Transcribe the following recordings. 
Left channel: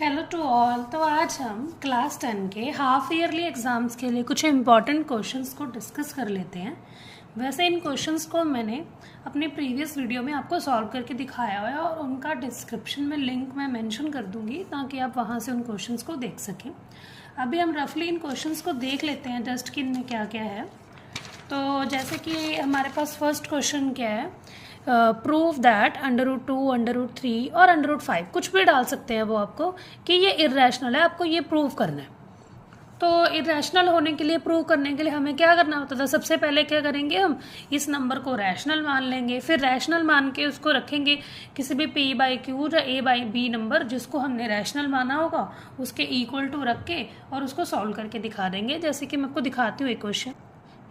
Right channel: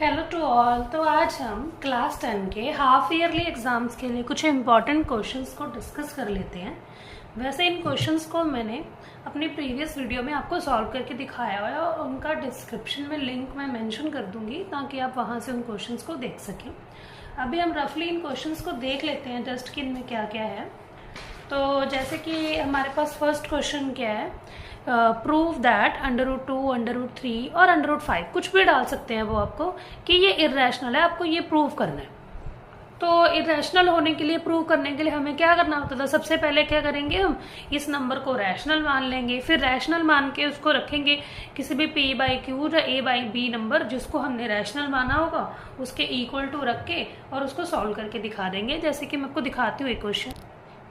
Hello to all. तो आज हम क्लास 10 के हाफ ईयरली एग्जाम्स के लिए कुछ इम्पॉर्टेंट क्वेश्चंस को डिस्कस कर लेते हैं। वैसे इन क्वेश्चंस को मैंने अपने प्रीवियस वीडियो में आपको सॉल्व करके दिखाया हुआ है और उनका डिस्क्रिप्शन में लिंक मैं मेंशन कर दूंगी ताकि आप वहां से उन क्वेश्चंस को देख सकें। अभी हम रफली इन क्वेश्चंस को देख लेते हैं जस्ट कि इनमें क्या क्या है। तो जैसे कि हमारे पास फर्स्ट क्वेश्चन क्या है, प्रूव दैट √2, √3 और √5 कुछ भी डाल सकते हैं वो आपको कि ये इरेशनल है, आपको ये प्रूव करना है। तो इरेशनल होने के लिए, प्रूव करने के लिए हमें क्या करना होता था, सबसे पहले क्या करेंगे, हम इस नंबर को रैशनल मान लेंगे, फिर रैशनल मान के उसको रखेंगे किसी भी p/q या a/b नंबर जिसको हमने रैशनल माना होगा उसके इक्वल टू रख के और उसको सॉल्व करके दिखा देंगे। जैसे कि मैं आपको दिखाती हूँ एक क्वेश्चन।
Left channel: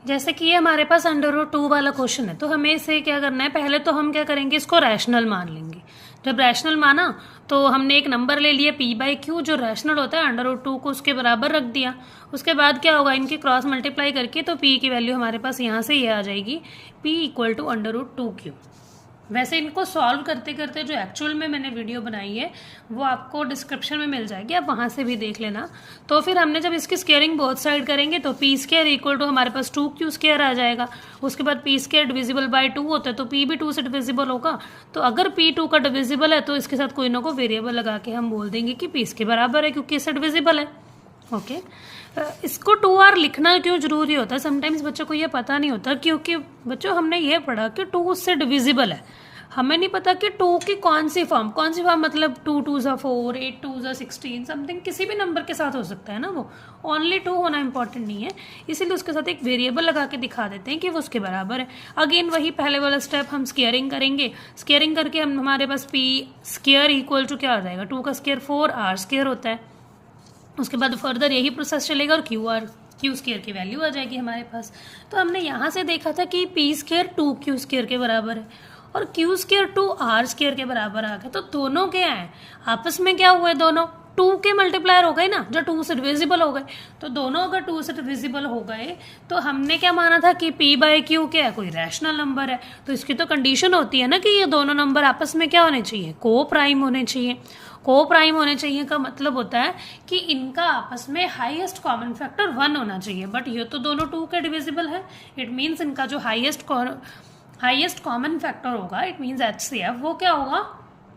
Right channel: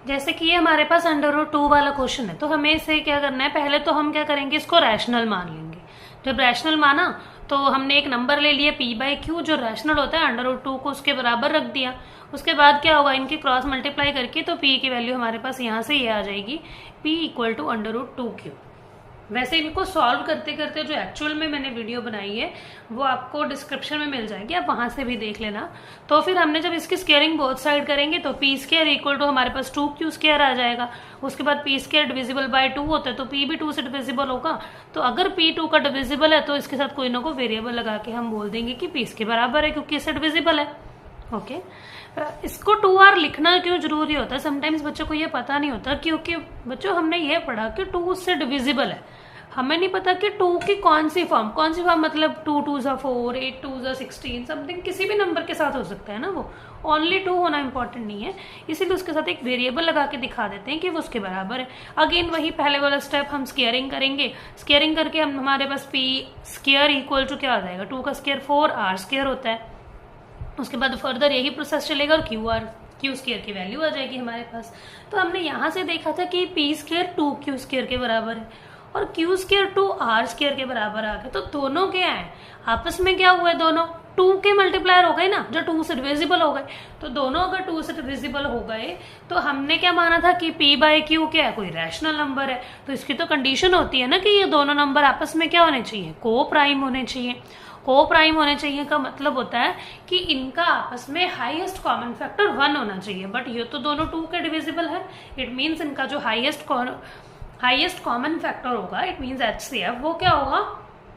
जैसे कि ये हमारे पास √2 वाला क्वेश्चन है, तो हमें इसे क्या करना है, पहले तो हम क्या करेंगे, इसको रैशनल मान लेंगे। जब रैशनल माना तो हमने एक नंबर ले लिया p/q जो रैशनल होता है, √2 को उसके बराबर रख दिया। उसके बाद क्या होगा, इनके क्रॉस मल्टीप्लाई करके तो p की वैल्यू हमारे पास यहाँ से ये आ जाएगी, p = √2q। वैसे इनको सॉल्व करते करते जो एक्चुअल में मैंने वीडियो बनाई है वो आपको डिस्क्रिप्शन में मिल जाएगी, आप वहां से भी देख लेना। तो फिर हमने जब इसकी स्क्वायरिंग बोथ साइड करेंगे तो p² = हमारे पास 2q² आ जाएगा। उसके बाद p² डिविजिबल बाय 2 होता है तो p भी 2 से डिविजिबल होगा। तो अगर p 2 का डिविजिबल है तो इसके साथ कोई ना कोई वेरिएबल लगा के हम बोल देंगे कि p इसके बराबर है क्योंकि इससे डिविजिबल है। ओके, इसको 2r लिखना क्यों जरूरी होता है, समटाइम्स बच्चों को ये पता नहीं होता, क्योंकि बच्चों हमने ये पढ़ा कि 2 से डिविजिबल है, हमें नहीं पता कि 2 की कौन सी फॉर्म मतलब 2 2 4, 8 2 16 समथिंग किसी भी नंबर के साथ हो सकता है ना, वो ओनली 2 होना इंपॉर्टेंट नहीं है। इसीलिए उसके साथ एक वेरिएबल लगा के दिखा देते हैं कि वो उसके बराबर है। अगेन वही पहले वाला स्टेप, हम स्क्वायरिंग करेंगे, स्क्वायरिंग करके हम हमारे पास p² = क्या आ जाएगा, 2 का स्क्वायर 4r² होता है। उसके बाद फर्दर यही प्रोसेस चलेगा और q² की वैल्यू आ जाएगी हमारे पास। तो हमने यहाँ से देखा था कि p² 2q² के बराबर है और q² 2r² के बराबर आ गया। तो दोनों क्या है, आपस में क्या हुए, दोनों 2 के मल्टीप्लायर हो गए ना, जो 2 से डिविजिबल हो गए। तो दोनों अगर 2 से डिविजिबल हो गए तो हमने क्या माना था कि p/q क्या है, कोई रैशनल नंबर है। तो इसकी तो कंडीशन होती है ना कि ये दोनों नंबर आपस में क्या होने चाहिए, को प्राइम होने चाहिए। को प्राइम होने चाहिए का मतलब होता है कि इनका आपस में हाईएस्ट कॉमन फैक्टर 1 होना चाहिए। बट ये तो दोनों 2 के डिविजिबल है, इट मीन्स इनका जो हाईएस्ट कॉमन फैक्टर होगा, इट मीन्स HCF, वो क्या होगा,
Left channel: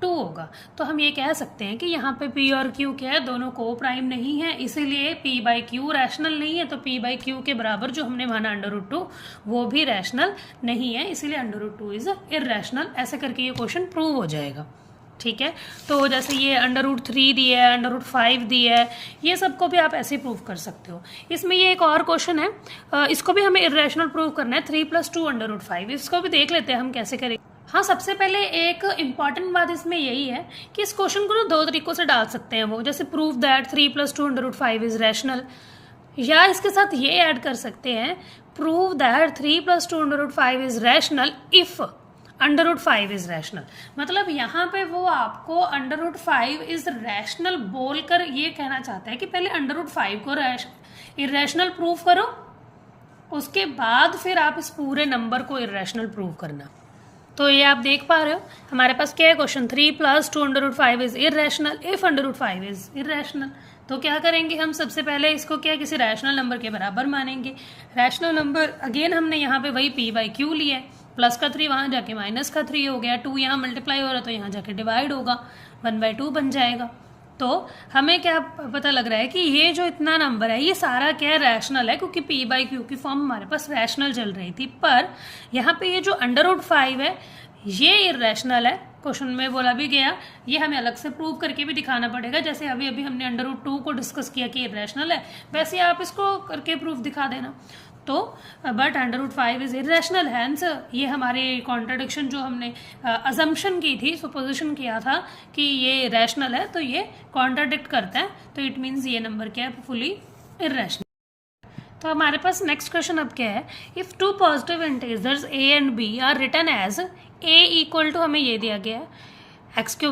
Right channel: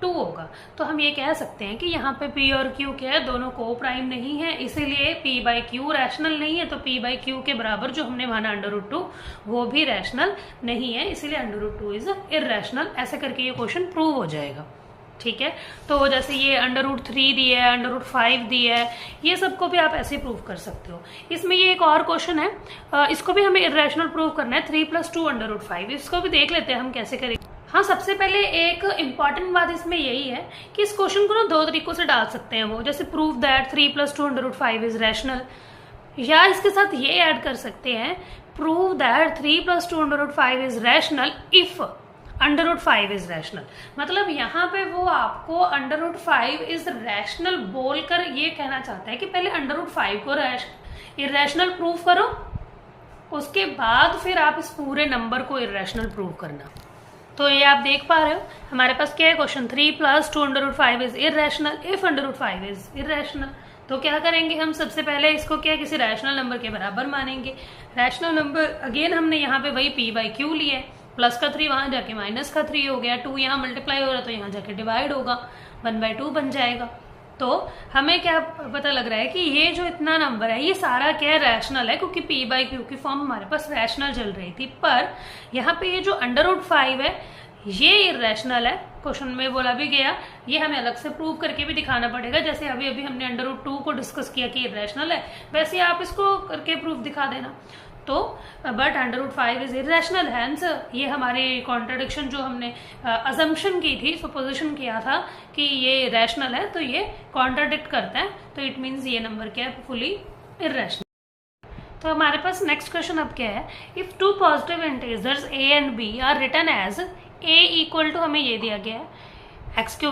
2 होगा। तो हम ये कह सकते हैं कि यहाँ पे p और q क्या है, दोनों को प्राइम नहीं है, इसीलिए p/q रैशनल नहीं है। तो p/q के बराबर जो हमने माना √2 वो भी रैशनल नहीं है, इसीलिए √2 इज इररेशनल। ऐसे करके ये क्वेश्चन प्रूव हो जाएगा। ठीक है, तो जैसे ये √3 दिया है, √5 दिया है, ये सबको भी आप ऐसे प्रूव कर सकते हो। इसमें ये एक और क्वेश्चन है, इसको भी हमें इरेशनल प्रूव करना है, 3 + 2 √5। इसको भी देख लेते हैं हम कैसे करेंगे। हाँ, सबसे पहले एक इंपॉर्टेंट बात इसमें यही है कि इस क्वेश्चन को ना 2 तरीकों से डाल सकते हैं वो, जैसे प्रूव दैट 3 + 2 √5 इज रैशनल, या इसके साथ ये ऐड कर सकते हैं, prove that 3 + 2 √5 is rational if √5 is rational. मतलब यहाँ पे वो आपको √5 इज रैशनल बोलकर ये कहना चाहता है कि पहले √5 को इरेशनल प्रूव करो, उसके बाद फिर आप इस पूरे नंबर को इरेशनल प्रूव करना। तो ये आप देख पा रहे हो हमारे पास क्या है question, 3 + 2 √5 is irrational if √5 is irrational. तो क्या करेंगे हम, सबसे पहले इसको क्या किसी रैशनल नंबर के बराबर मानेंगे। रैशनल नंबर अगेन हमने यहाँ पे वही p/q लिया है, प्लस का 3 वहां जाके -3 हो गया, 2 यहाँ मल्टीप्लाई हो रहा है तो यहाँ जाके डिवाइड होगा, 1/2 बन जाएगा। तो हमें क्या पता लग रहा है कि ये जो इतना नंबर है ये सारा क्या रैशनल है, क्योंकि p/q की फॉर्म हमारे पास रैशनल चल रही थी। पर यहाँ पे ये जो √5 है ये इरेशनल है, क्वेश्चन में बोला भी गया, ये हमें अलग से प्रूव करके भी दिखाना पड़ेगा। जैसे अभी अभी हमने √2 को डिस्कस किया कि इरेशनल है, वैसे आप इसको करके प्रूफ दिखा देना। तो बट √5 इज इरेशनल, हैंस ये हमारे कॉन्ट्रडिक्शन जो हमने अजम्पशन की थी, सुपोजिशन किया था कि ये रैशनल है, तो ये कॉन्ट्राडिक्ट करता है। तो इट मीन्स ये नंबर क्या है, फुली इरेशनल। तो हमारे पास नेक्स्ट क्वेश्चन अब क्या है, if 2 positive integers a and b are written as a = हमें ये दिया गया है x³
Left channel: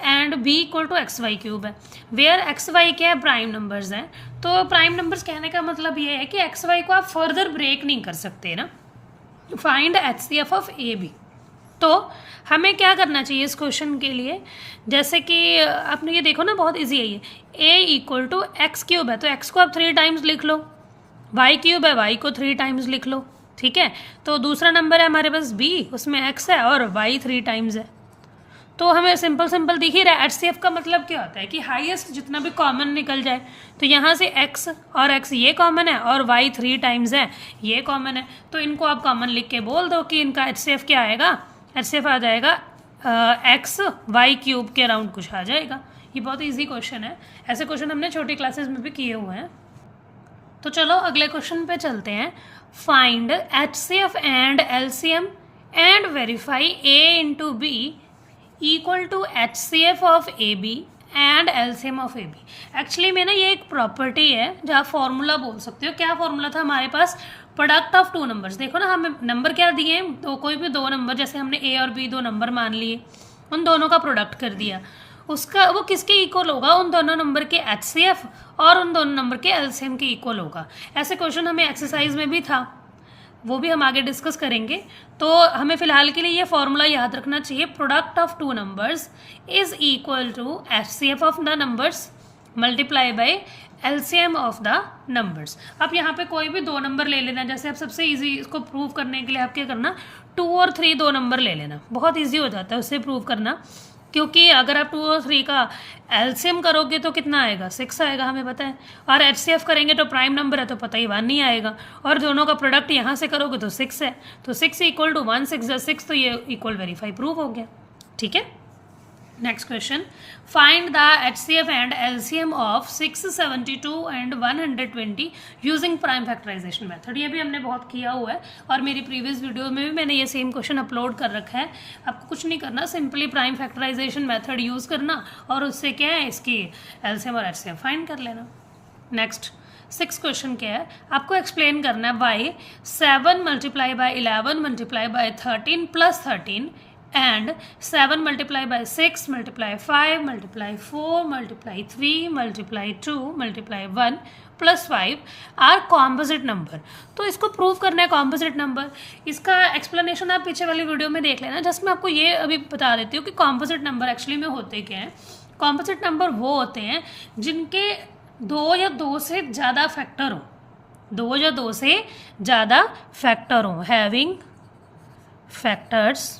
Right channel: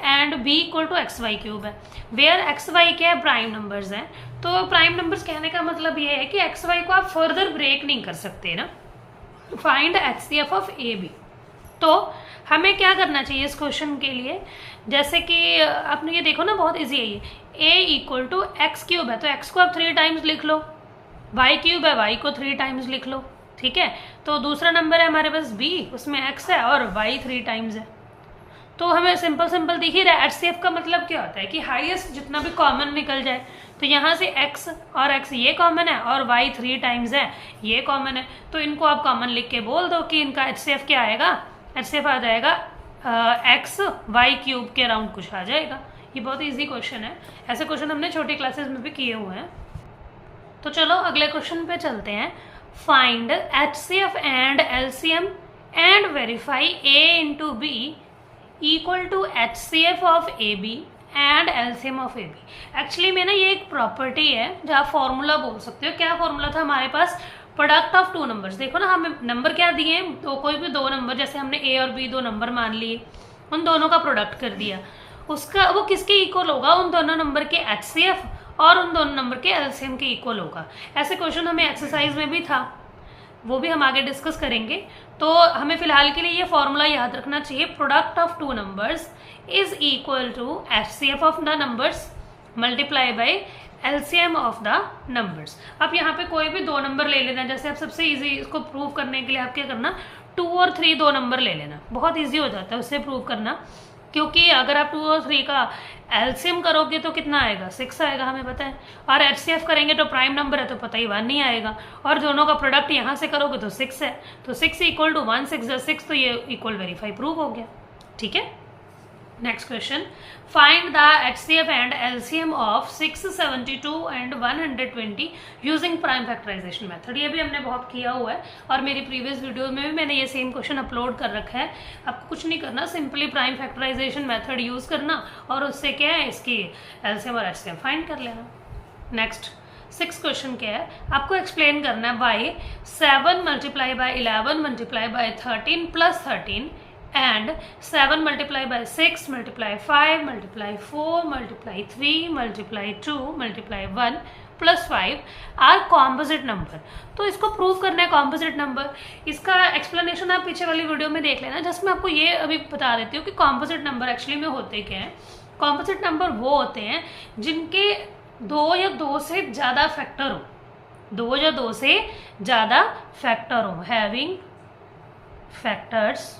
एंड b = xy³ है, वेयर xy क्या है, प्राइम नंबर्स हैं। तो प्राइम नंबर्स कहने का मतलब ये है कि xy को आप फर्दर ब्रेक नहीं कर सकते ना। Find HCF of AB। तो हमें क्या करना चाहिए इस क्वेश्चन के लिए, जैसे कि आपने ये देखो ना, बहुत इजी है ये, a equal to x cube है तो x को आप 3 टाइम्स लिख लो, y क्यूब है y को 3 टाइम्स लिख लो, ठीक है। तो दूसरा नंबर है हमारे पास b, उसमें x है और y 3 टाइम्स है। तो हमें सिंपल सिंपल दिख ही रहा है। HCF का मतलब क्या होता है कि हाईएस्ट जितना भी कॉमन निकल जाए, तो यहाँ से x और x ये कॉमन है और y 3 टाइम्स है ये कॉमन है, तो इनको आप कॉमन लिख के बोल दो कि इनका HCF क्या आएगा, HCF आ जाएगा x y क्यूब के अराउंड कुछ आ जाएगा। ये बहुत ईजी क्वेश्चन है, ऐसे क्वेश्चन हमने छोटी क्लासेस में भी किए हुए हैं। तो चलो अगले क्वेश्चन पे चलते हैं। Find HCF and LCM and verify a into B equal to HCF of AB and LCM of AB। Actually में ना ये एक प्रॉपर्टी है जहाँ फॉर्मूला बोल सकते हो। क्या फॉर्मूला था हमारे पास, प्रोडक्ट ऑफ 2 नंबर्स। देखो ना हमें नंबर क्या दिए हैं, तो कोई भी 2 नंबर, जैसे हमने A और B 2 नंबर मान लिए, उन दोनों का प्रोडक्ट कर दिया, उसका वो किसके इक्वल होगा, उन दोनों नंबर के HCF और उन दोनों नंबर के LCM के इक्वल होगा। ऐसे क्वेश्चन हमें एक्सरसाइज में भी था, वो भी हम आगे डिस्कस करेंगे। तो हमें फिलहाल के लिए ये फॉर्मूला याद रखना चाहिए, product of 2 numbers is equal to HCF ऑफ the numbers multiply by LCM of the numbers. आप यहाँ पे कोई भी 2 नंबर ले लेना, जैसे आप सबसे इजी इसको प्रूव करने के लिए आप क्या करना, 2 और 3 2 नंबर ले लेना, बहुत इजी हो जाता है उससे प्रूव करना, क्योंकि अगर आप 2 और 3 का एलसीएम करोगे तो कितना आएगा, 6 आएगा हमें पता है, और एचसीएफ करेंगे तो प्राइम नंबर है तो पता ही 1 नहीं आएगा, और दोनों का प्रोडक्ट यहाँ से करोगे तो 6 है, तो 6 इक्वल टू 1 6 6, तो ये इक्वल वेरीफाई प्रूव हो गया। ठीक है, next question, find the HCF and LCM of 672 and 120 using prime factorisation method. ये भी हमने बहुत किया हुआ है और मेरी प्रीवियस वीडियो में भी मैंने ये सेम क्वेश्चन अपलोड कर रखा है। आपको कुछ नहीं करना, simply prime factorisation method use करना और उससे क्या है इसकी एलसीएम और एचसीएफ फाइंड कर लेना। नेक्स्ट 6 क्वेश्चन क्या है, आपको एक्सप्लेन करना है why 7 multiply by 11 multiply by 13 plus 13 and 7 multiply by 6 multiply 5 multiply 4 multiply 3 multiply 2 multiply 1 plus 5 are composite number। तो इसको प्रूव करना है composite number। इसका एक्सप्लेनेशन आप पीछे वाली वीडियो में देख लेना, जस्ट मैं आपको ये अभी बता देती हूँ कि composite number एक्चुअली में होते क्या हैं। composite number वो होते हैं जिनके 2 या 2 से ज़्यादा फैक्टर हो, 2 या 2 से ज़्यादा फैक्टर हो, हैविंग फैक्टर्स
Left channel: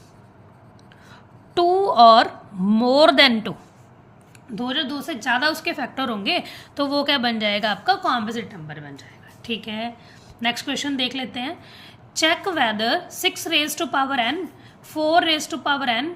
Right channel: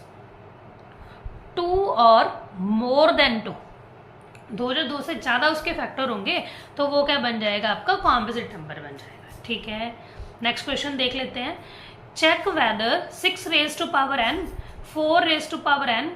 2 और मोर देन 2, 2 जो 2 से ज़्यादा उसके फैक्टर होंगे तो वो क्या बन जाएगा, आपका कॉम्पोजिट नंबर बन जाएगा। ठीक है, नेक्स्ट क्वेश्चन देख लेते हैं, check whether 6 raise to power n 4 raise to power n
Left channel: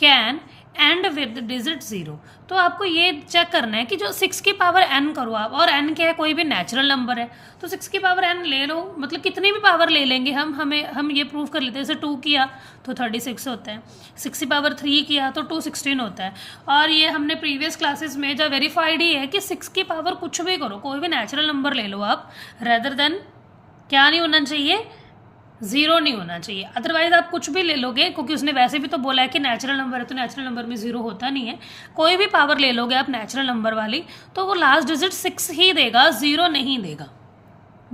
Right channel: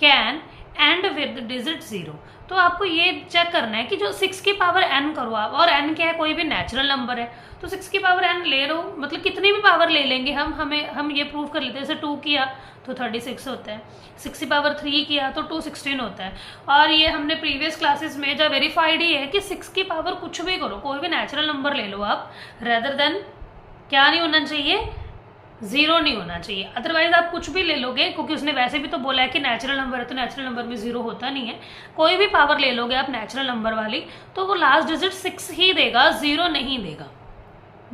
can end with digit 0। तो आपको ये चेक करना है कि जो 6 की पावर n करो आप, और n क्या है, कोई भी नेचुरल नंबर है, तो 6 की पावर n ले लो, मतलब कितनी भी पावर ले लेंगे हम ये प्रूव कर लेते हैं। जैसे 2 किया तो 36 होता है, 6 की पावर 3 किया तो 216 होता है, और ये हमने प्रीवियस क्लासेस में जब वेरीफाइड ही है कि 6 की पावर कुछ भी करो, कोई भी नेचुरल नंबर ले लो आप, रेदर देन क्या नहीं होना चाहिए, 0 नहीं होना चाहिए। अदरवाइज आप कुछ भी ले लोगे, क्योंकि उसने वैसे भी तो बोला है कि नेचुरल नंबर है, तो नेचुरल नंबर में 0 होता नहीं है। कोई भी पावर ले लोगे आप नेचुरल नंबर वाली, तो वो लास्ट डिजिट 6 ही देगा, 0 नहीं देगा।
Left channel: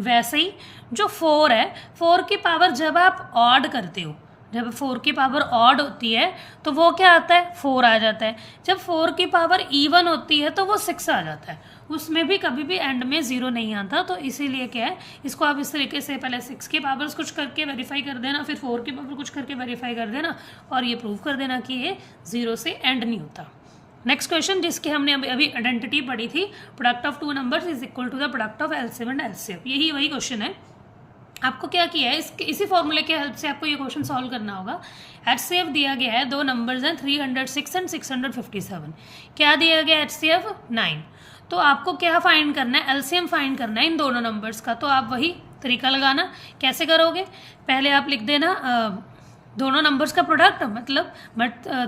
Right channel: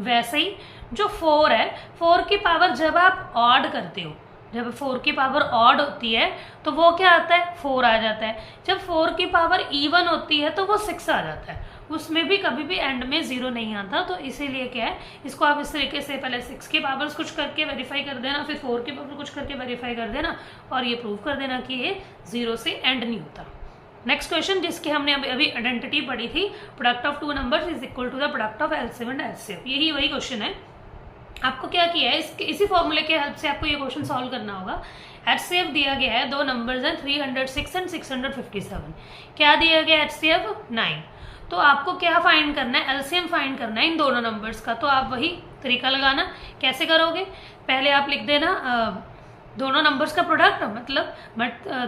वैसे ही जो 4 है, 4 की पावर जब आप ऑड करते हो, जब 4 की पावर ऑड होती है तो वो क्या आता है, 4 आ जाता है। जब 4 की पावर इवन होती है तो वो 6 आ जाता है, उसमें भी कभी भी एंड में 0 नहीं आता। तो इसीलिए क्या है, इसको आप इस तरीके से पहले 6 की पावर्स कुछ करके वेरीफाई कर देना, फिर 4 की पावर कुछ करके वेरीफाई कर देना, और ये प्रूव कर देना कि ये 0 से एंड नहीं होता। नेक्स्ट क्वेश्चन, जिसके हमने अभी आइडेंटिटी पढ़ी थी, product of 2 numbers is equal to the product of LCM and HCF. यही वही क्वेश्चन है। आपको क्या किया है, इसी फॉर्मूले के हेल्प से आपको ये क्वेश्चन सॉल्व करना होगा। एचसीएफ दिया गया है, 2 नंबर्स हैं 306 एंड 657। क्या दिया गया है, एचसीएफ 9। तो आपको क्या फाइंड करना है, एलसीएम फाइंड करना है इन दोनों नंबर्स का। तो आप वही तरीका लगाना, कैसे करोगे, पहले आप लिख देना दोनों नंबर्स का प्रोडक्ट, मतलब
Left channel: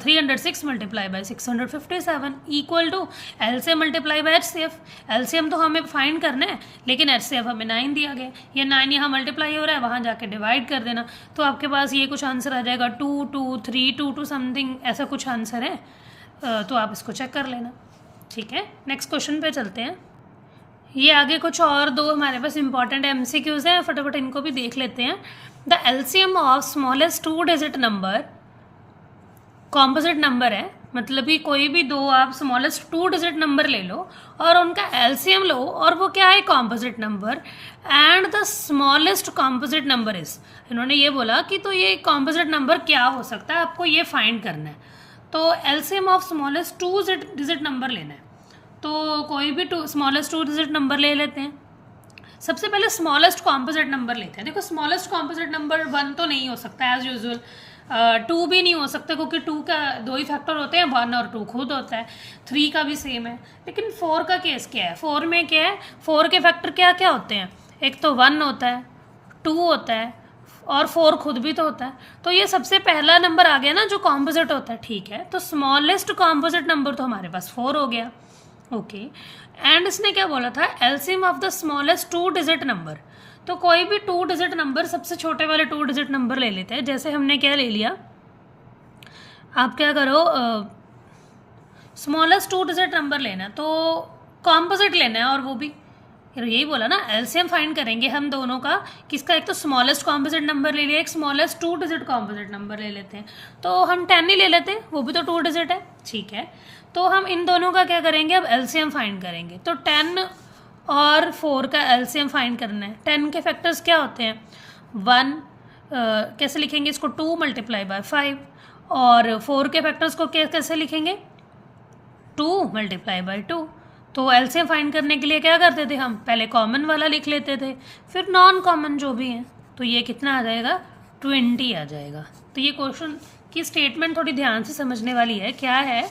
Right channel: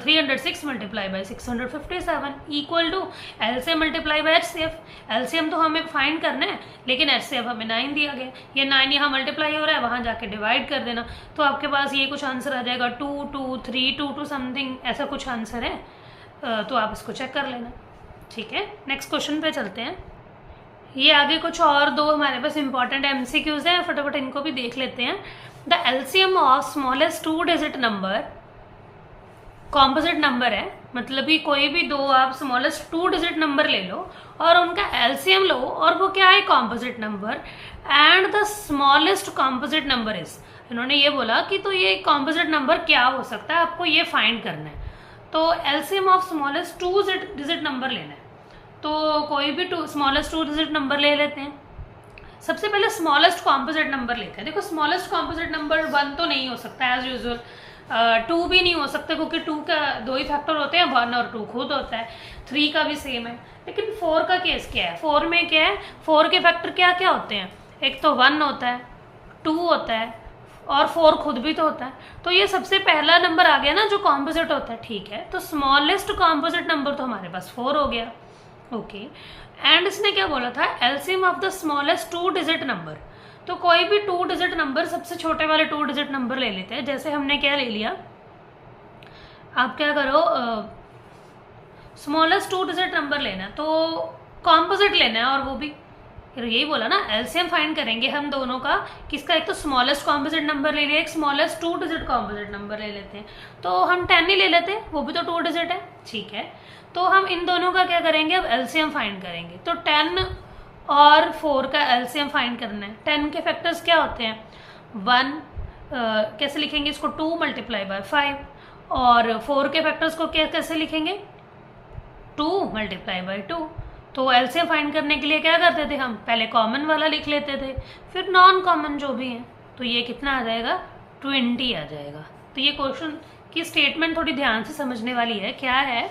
306 multiply by 657 equal to LCM multiply by HCF. LCM तो हमें फाइंड करना है, लेकिन एचसीएफ हमें 9 दिया गया, ये 9 यहाँ मल्टीप्लाई हो रहा है, वहाँ जाके डिवाइड कर देना, तो आपके पास ये कुछ आंसर आ जाएगा 2 2 3 2 2 समथिंग, ऐसा कुछ आंसर है। तो आप इसको चेक कर लेना। ठीक है, नेक्स्ट क्वेश्चन पे चलते हैं। ये आगे कुछ और 2 हमारे पास इंपॉर्टेंट एमसीक्यूज हैं, फटाफट इनको भी देख लेते हैं। The LCM of smallest 2 digit number composite number है, मतलब कि कोई भी दो आप स्मॉलेस्ट 2 डिजिट नंबर ले लो और उनका एलसीएम लो, और वो क्या है, composite number, and the smallest composite number is, इन्होंने ये बोला कि तो ये कॉम्पोजिट नंबर क्या हो सकता है, आपको ये फाइंड करना है। तो LCM of smallest 2 digit number लेना है। तो कोई भी स्मॉलेस्ट 2 डिजिट नंबर ले लेते हैं। सबसे पहले स्मॉलेस्ट कॉम्पोजिट नंबर लेते हैं। देखो स्मॉलेस्ट कॉम्पोजिट नंबर 1 तो नहीं हो सकता एज यूजुअल, 2 भी नहीं हो सकता क्योंकि 2 का 2 ही फैक्टर होते हैं, 1 और 2 खुद होता है, 3 का भी सेम है। लेकिन 4 का केस क्या है, 4 में क्या है, 4 के फैक्टर क्या क्या होते हैं, एक तो 1 होता है, 2 होता है और 4 खुद भी तो होता है। तो ये सबसे पहला नंबर आ गया ना जो कॉम्पोजिट होता है, ठीक है। तो स्मॉलेस्ट कॉम्पोजिट नंबर तो हमारे पास 4 हो गया, ओके। एंड इसने क्या बोला था, LCM of the smallest 2 digit number. तो कोई भी 2 डिजिट नंबर, सबसे छोटे वाले 2 डिजिट नंबर ले लेते हैं। जैसे हमने क्या ले लिया, आप क्या करो, स्मॉलेस्ट 2 डिजिट नंबर लेना, तो कॉम्पोजिट लेना है, और वो भी यही बोला ना, एलसीएम फाइंड करेंगे हम दोनों का, किसका, एक तो स्मॉलेस्ट कॉम्पोजिट नंबर ले लिया, एक स्मॉलेस्ट 2 डिजिट कॉम्पोजिट नंबर ले लेते हैं। तो हम 10 ही ले लेते हैं, वो भी तो 2 डिजिट है, ठीक है। तो हम इन दोनों का क्या करेंगे, अब एलसीएम फाइंड करेंगे। तो 10 और 4 का एलसीएम फाइंड करना है। 10 के फैक्टर्स क्या होते हैं, 1, कैसे लिखेंगे इसको, 2 मल्टीप्लाई बाय 5, और 4 के फैक्टर्स को कैसे लिखेंगे, 2 मल्टीप्लाई बाय 2। तो एलसीएम फाइंड करने के लिए क्या करते थे हम, पहले कॉमन वाला लिख लेते थे, फिर नॉन कॉमन जो भी है। तो ये कितना आ जाएगा, 20 आ जाएगा। तो ये क्वेश्चन की स्टेटमेंट थोड़ी ध्यान से समझने वाली है। क्या है,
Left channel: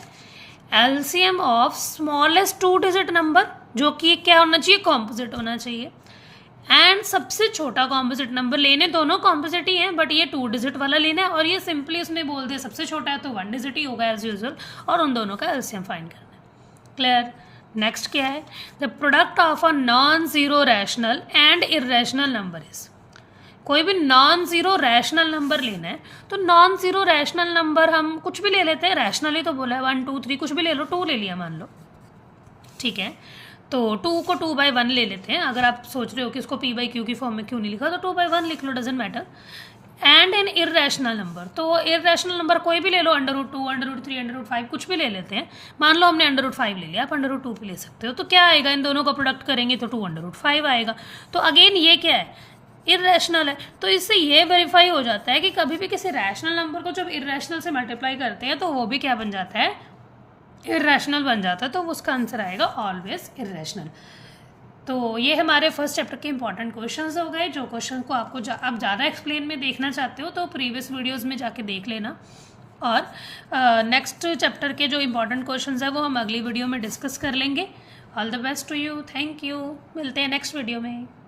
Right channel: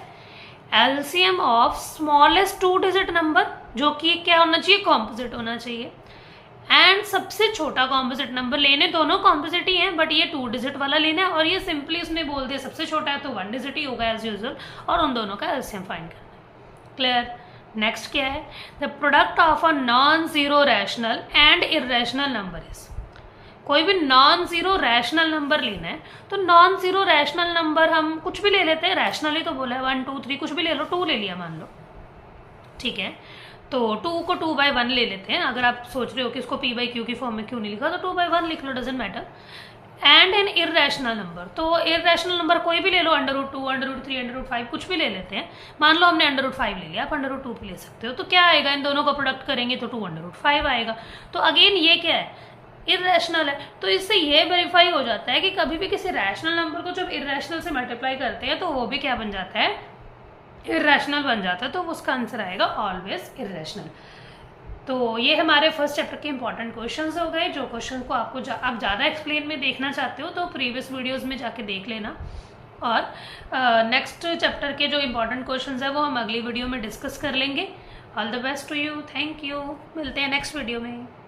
LCM of smallest 2 digit number, जो कि क्या होना चाहिए, कॉम्पोजिट होना चाहिए, एंड सबसे छोटा कॉम्पोजिट नंबर, लेने दोनों कॉम्पोजिट ही हैं बट ये 2 डिजिट वाला लेना है, और ये सिंपली उसने बोल दिया सबसे छोटा है तो 1 डिजिट ही होगा एज यूजुअल, और उन दोनों का एलसीएम फाइंड करना है। क्लियर। नेक्स्ट क्या है, the product of a non zero rational and irrational number is. कोई भी नॉन जीरो रैशनल नंबर लेना है, तो नॉन जीरो रैशनल नंबर हम कुछ भी ले लेते हैं, रैशनल ही तो बोला है, 1 2 3 कुछ भी ले लो, 2 ले लिया मान लो, ठीक है। तो 2 को 2/1 ले लेते हैं। अगर आप सोच रहे हो कि इसको p/q की फॉर्म में क्यों नहीं लिखा, तो 2/1 लिख लो, doesn't matter. And an irrational number, तो इरेशनल नंबर कोई भी ले लो, √2 √3 √5 कुछ भी ले लेते हैं। मान लो हमने √5 ले लिया, आप √2 भी ले सकते हो। तो क्या आएगा, इन दोनों का प्रोडक्ट करेंगे तो 2 √5 आएगा। तो अगेन ये क्या है, इरेशनल है। तो इससे ये वेरीफाई हो जाता है कि कभी भी किसी रैशनल नंबर को जब इरेशनल से मल्टीप्लाई करते हैं तो वो भी क्या बन जाता है, इरेशनल बन जाता है। तो उसका आंसर आएगा ऑलवेज इरेशनल। तो ये हमारे फर्स्ट चैप्टर के इंपॉर्टेंट क्वेश्चंस हो गए। जो क्वेश्चन को आपको आप ज़्यादा एक्सप्लेन में देखना चाहते हो तो प्रीवियस वीडियोस में जाके देख लेना, और नेक्स्ट चैप्टर के जो इंपॉर्टेंट क्वेश्चंस है वो हम अगली वीडियो में डिस्कस कर लेंगे। All the best to you, thank you, मिलते हैं नेक्स्ट वीडियो में।